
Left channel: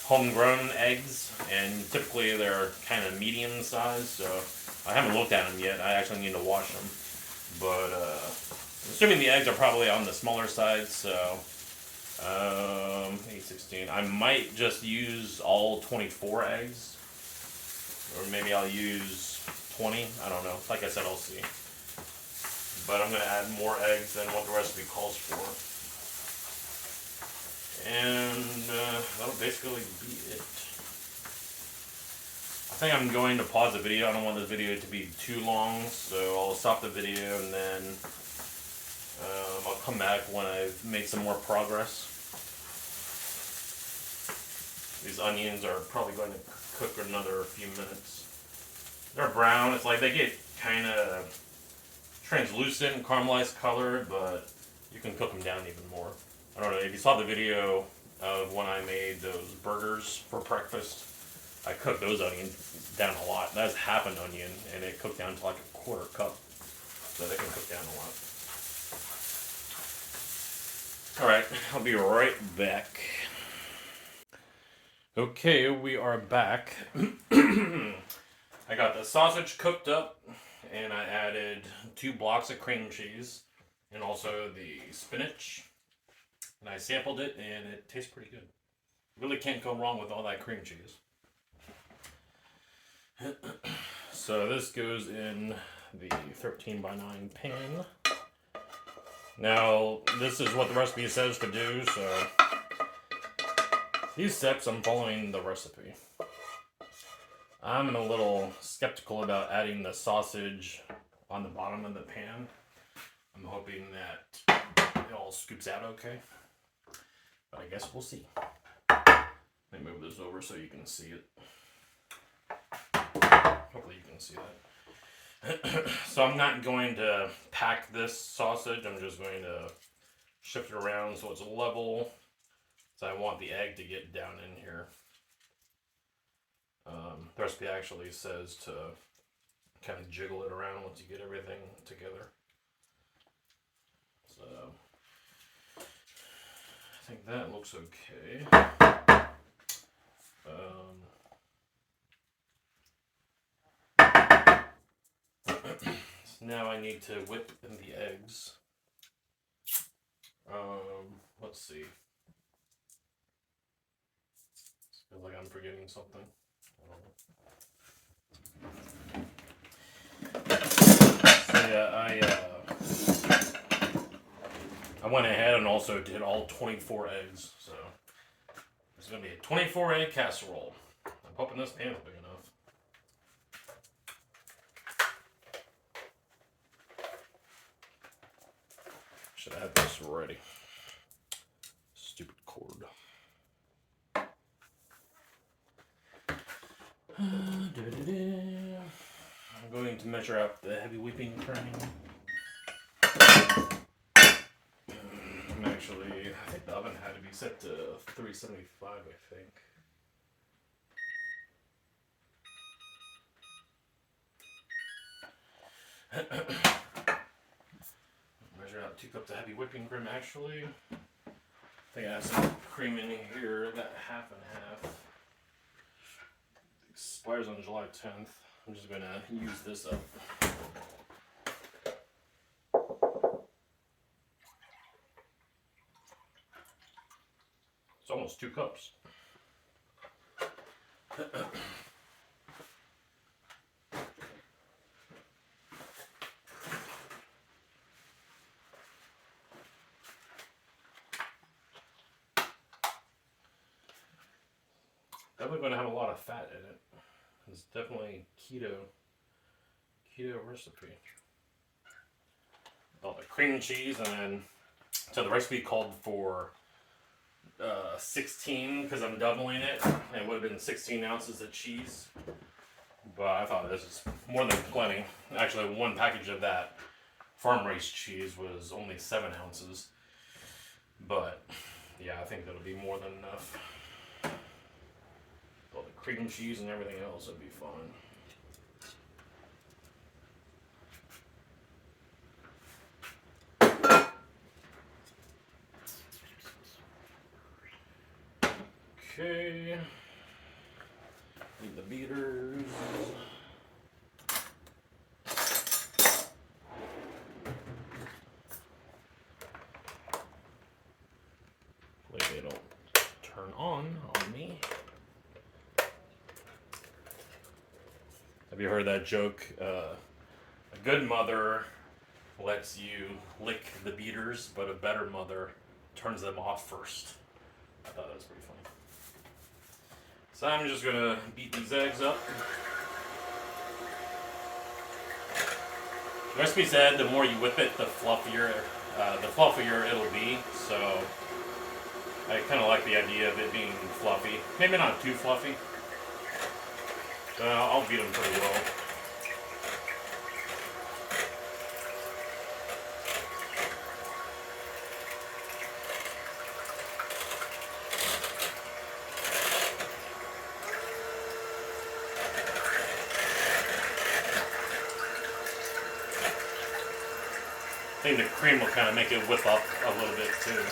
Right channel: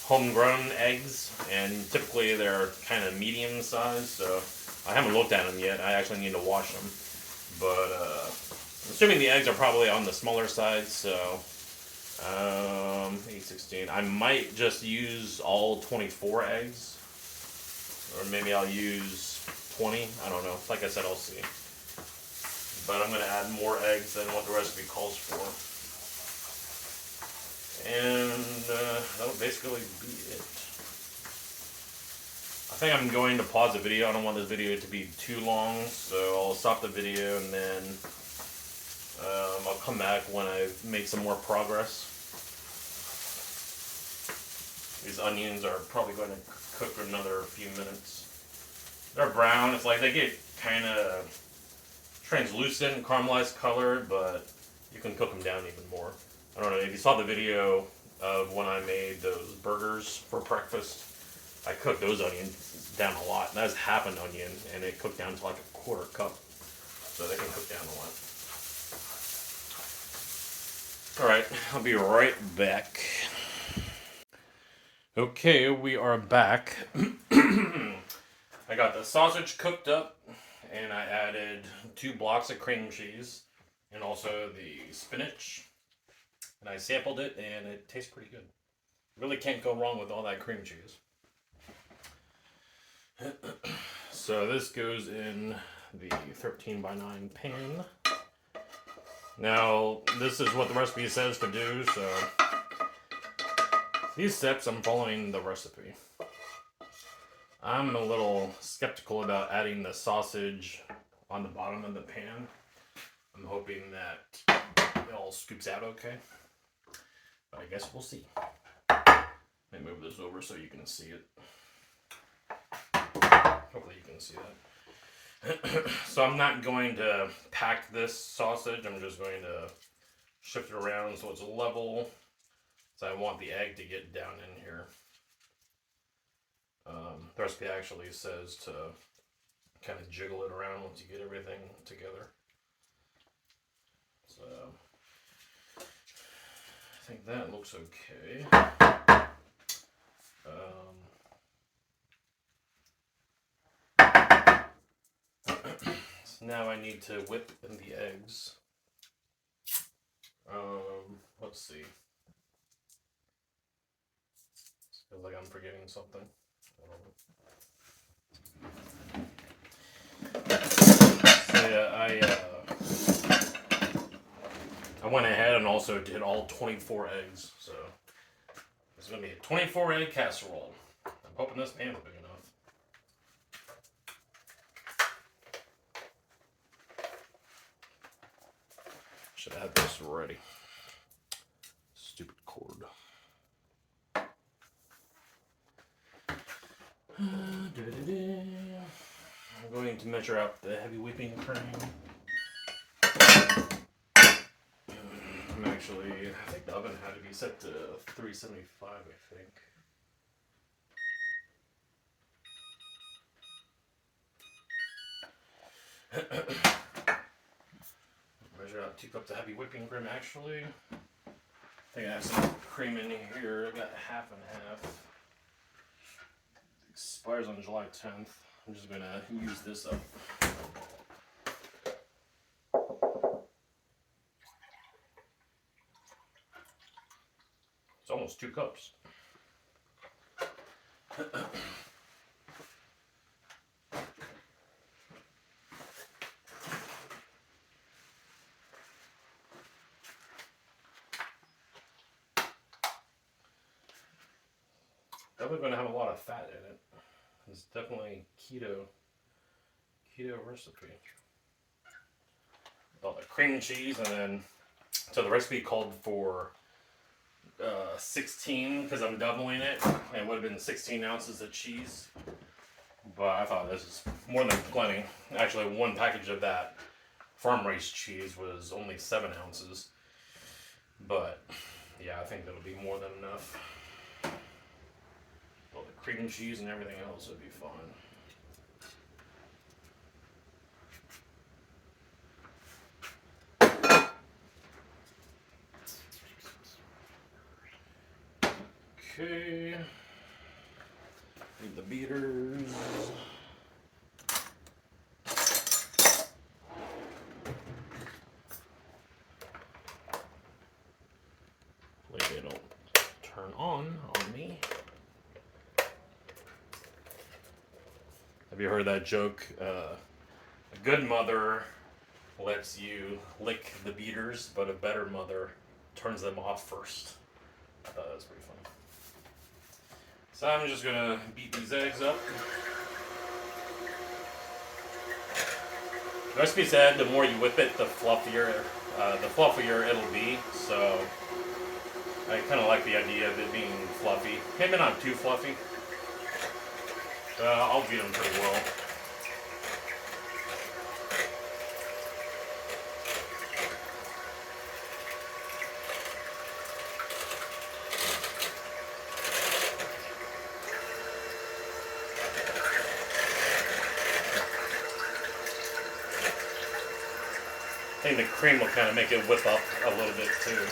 homegrown eggs, and typically they're kind of medium sized, so I haven't looked at them yet. I actually need to wash them. But I'm assuming the eggs are probably on the smaller side, so 8, 16. I might just use all 24 eggs, or maybe I'll use 20. I don't know. Like I said, I'll see. But I'm going to add more eggs than what the recipe calls for. And that'll basically be it. think I'm going to pause the video. I don't want this video to be too long, so I'll stop the video and then I'll come back when I've made some more progress. These onions are probably going to cook for another few minutes. They're brown. It's like they get kind of translucent and caramelized colored, but you can cook them down even more. I don't know if you saw the video of when I made those burgers for breakfast. I cooked those onions down a lot. That's half an onion, and it cooked down to like a quarter cup. So they can cook down a lot. Alright, I'll be right back. Okay, we are back. I got the sausage cooked up, and I added 2 blocks of cream cheese, and also the spinach. And I sampled it, and it tastes pretty good. Really can't go wrong with all that cream cheese. So this goes in the 13 by 9 pan. Now, this is what the recipe says to do, so these steps I'm following the recipe. I'm a little skeptical about adding the sausage on the bottom of the pan. I'm hoping that it all scoops out okay. But I guess we'll see. Let me move this over so you can see it. Hopefully you can see that. So I'm not going to pack this sausage. I'm just going to shift it around so it's level. So I want the egg to get down in here. The recipe actually says to kind of jiggle it around once you get everything together. So I think that looks okay. So now I need to whip in the eggs. Let's see. Feels like I'm forgetting something. So yeah, I went ahead and also did all 24 eggs. So it's gonna be a 24 egg casserole. I'm hoping this pan's big enough. Should have this ready. Stupid cord. I'm going to measure out the heavy whipping cream. Actually, I think the oven had to be set to 375, I think. Measure out 2 cups of heavy whipping cream, actually. I think I have some cream in here. I got half and half. It expires on July 10th. I'm just going to use this up. It's almost 2 cups. Definitely going to have a lot of fat in it. It's definitely keto recipe. All the cream cheese, and then so the recipe called for 16 because I'm doubling it. It would have been 16 ounces of cheese, but I thought this is more than plenty. Actually, 1 package of that farm raised cheese was only 7 ounces, but yeah, I think that'll be more than enough. All the cream cheese and everything else would be fine. Okay. Need the beaters. Hopefully they don't turn on me. Have you heard that joke? A good mother lets you lick the beaters, but a better mother turns them off first. I thought that was pretty funny. So I'm just gonna beat these eggs up. The recipe said the more you whip it, the fluffier it'll be. So I kind of like the idea of it being fluffy. Maybe not too fluffy. I'll beat them pretty well. I think the cream will kind of make it whip up a little bit too.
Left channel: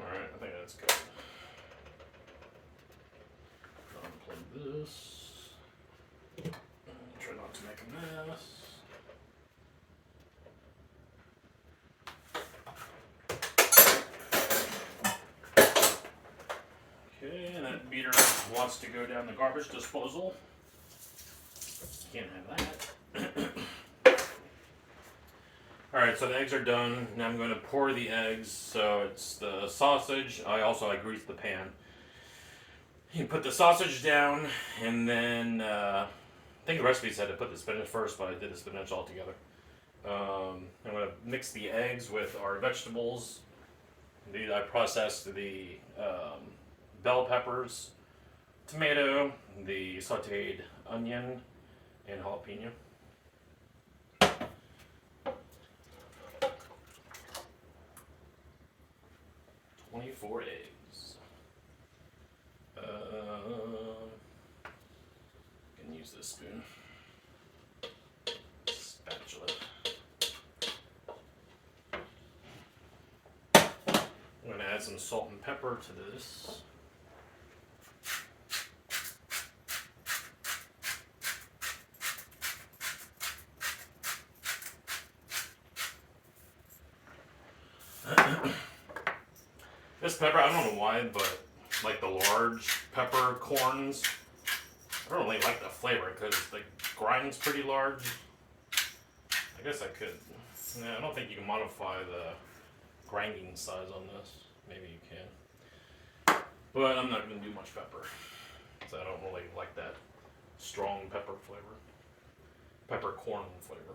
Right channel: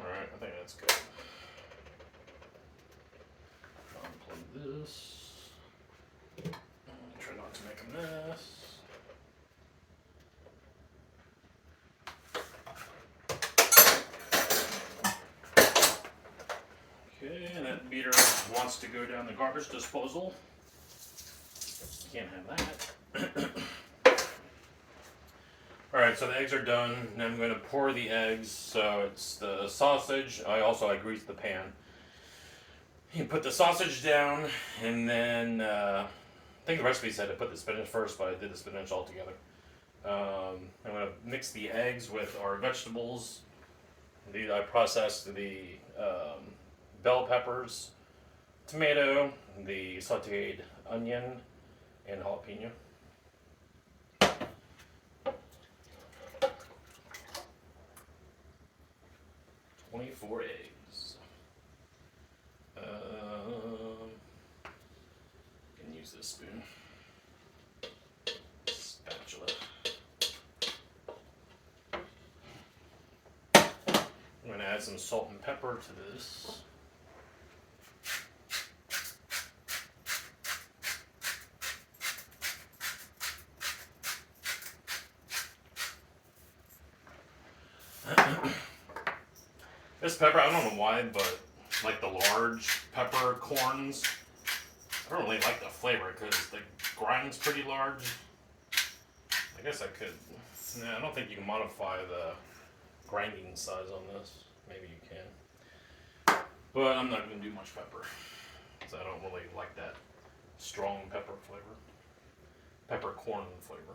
Alright, I think that's good. Unplug this. Try not to make a mess. Okay, and that beater wants to go down the garbage disposal. Can't have that. Alright, so the eggs are done. Now I'm going to pour the eggs. So it's the sausage. I greased the pan. You put the sausage down, and then I think the recipe said to put the spinach first, but I did the spinach all together. I'm going to mix the eggs with our vegetables. I processed the bell peppers, tomato, the sauteed onion, and jalapeno. 24 eggs. Can use this spoon. Spatula. I'm going to add some salt and pepper to this. This pepper, I don't know why, but like the large peppercorns, I don't really like the flavor because the grind's pretty large. I guess I could. Yeah, I don't think you can modify the grinding size on this. Maybe you can. But I'm not going to do much pepper. So I don't really like that strong pepper flavor. Peppercorn flavor.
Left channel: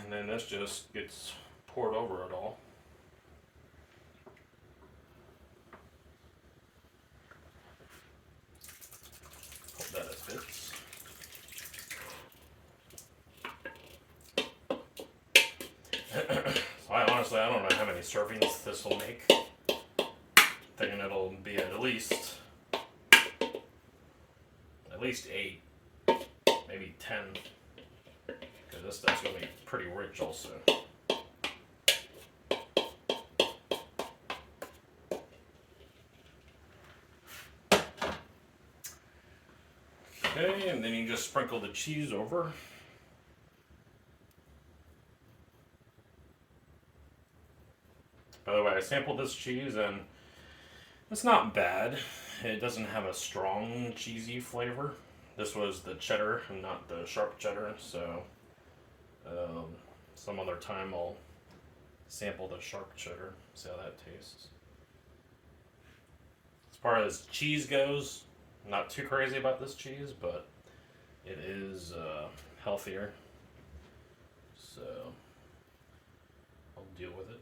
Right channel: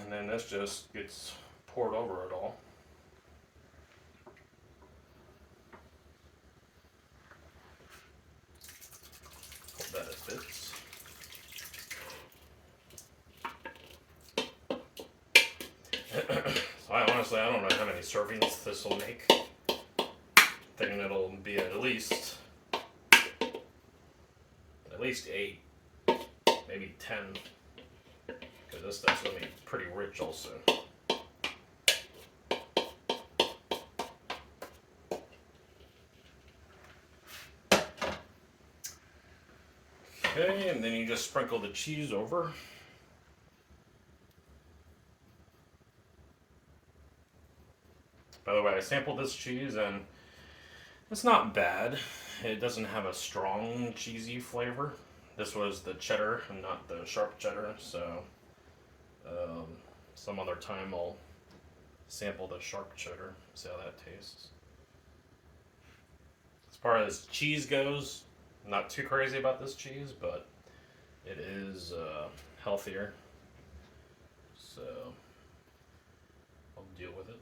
And then this just gets poured over it all. Hope that it fits. So I don't know how many servings this will make. Thinking it'll be at least 8, maybe 10. Because this stuff's going to be pretty rich also. Okay, and then you just sprinkle the cheese over. By the way, I sampled this cheese and it's not bad. It doesn't have a strong cheesy flavor. This was the cheddar and not the sharp cheddar, so some other time I'll sample the sharp cheddar, see how that tastes. As far as cheese goes, I'm not too crazy about this cheese, but it is healthier, so I'll deal with it.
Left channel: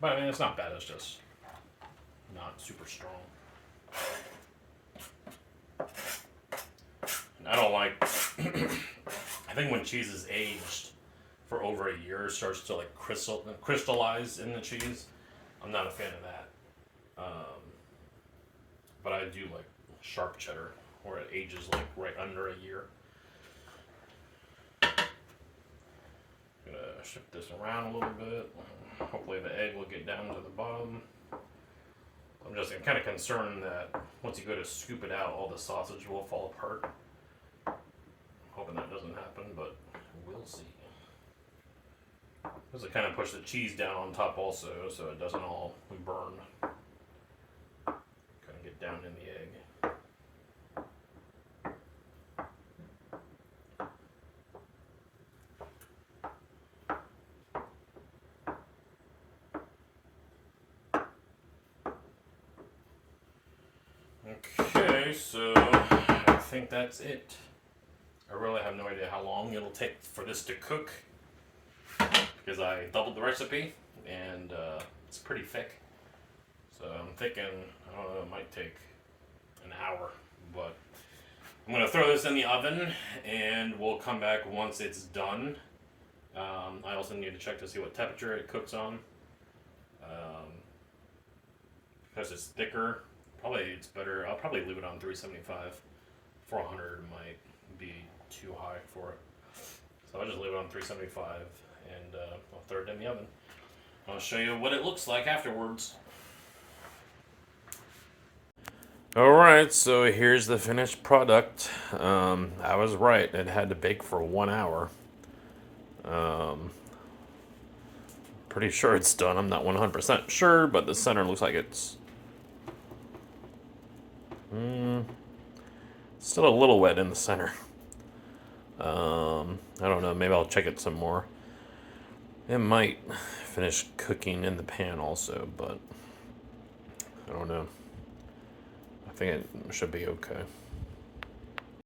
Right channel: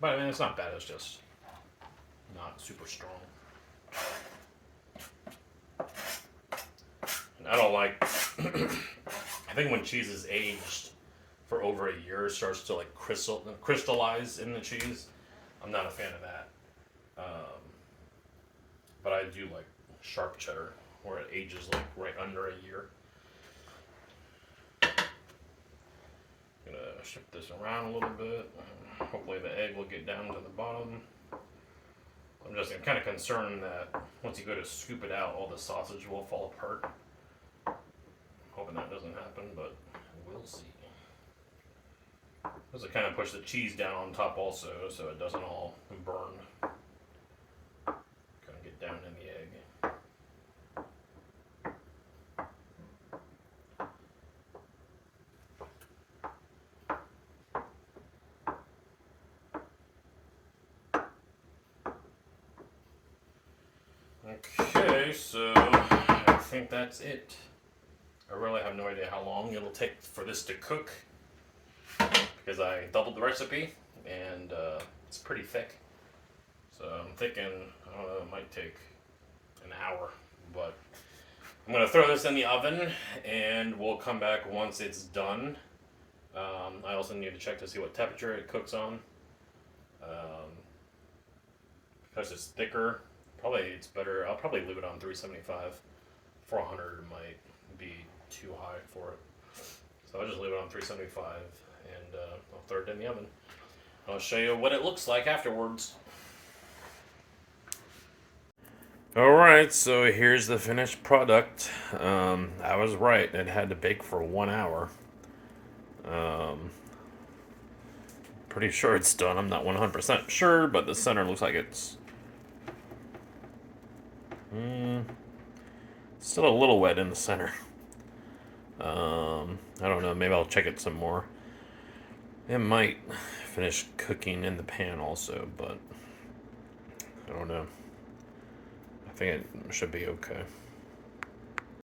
But I mean, it's not bad, it's just not super strong. I don't like, I think when cheese is aged for over a year, it starts to like crystallize in the cheese. I'm not a fan of that. But I do like sharp cheddar, where it ages like right under a year. I'm gonna shift this around a little bit. Hopefully the egg will get down to the bottom. I'm kind of concerned that once you go to scoop it out, all the sausage will fall apart. hoping that doesn't happen, but we'll see. Because I kind of push the cheese down on top also, so it doesn't all burn. Kind of get down in the egg. Okay, so I think that's it. I really have no idea how long it'll take for this to cook because I doubled the recipe and it's pretty thick. So I'm thinking, I don't know, it might take an hour, but I'm going to throw this in the oven and we'll come back once it's done. I also need to check to see what temperature it cooks on. Because it's thicker, probably it's better. I'll probably leave it on 375. 400 might be too high for it. So I'll just leave it on 375 and I'll throw it in the oven. I'll show you what it looks like afterwards. Alright, so here's the finished product. I was right, it had to bake for 1 hour. Pretty sure it's done. I'm not 100% sure, but the center looks like it's still a little wet in the center. I don't know, maybe I'll check it some more. It might finish cooking in the pan also, but I don't know. I think it should be okay.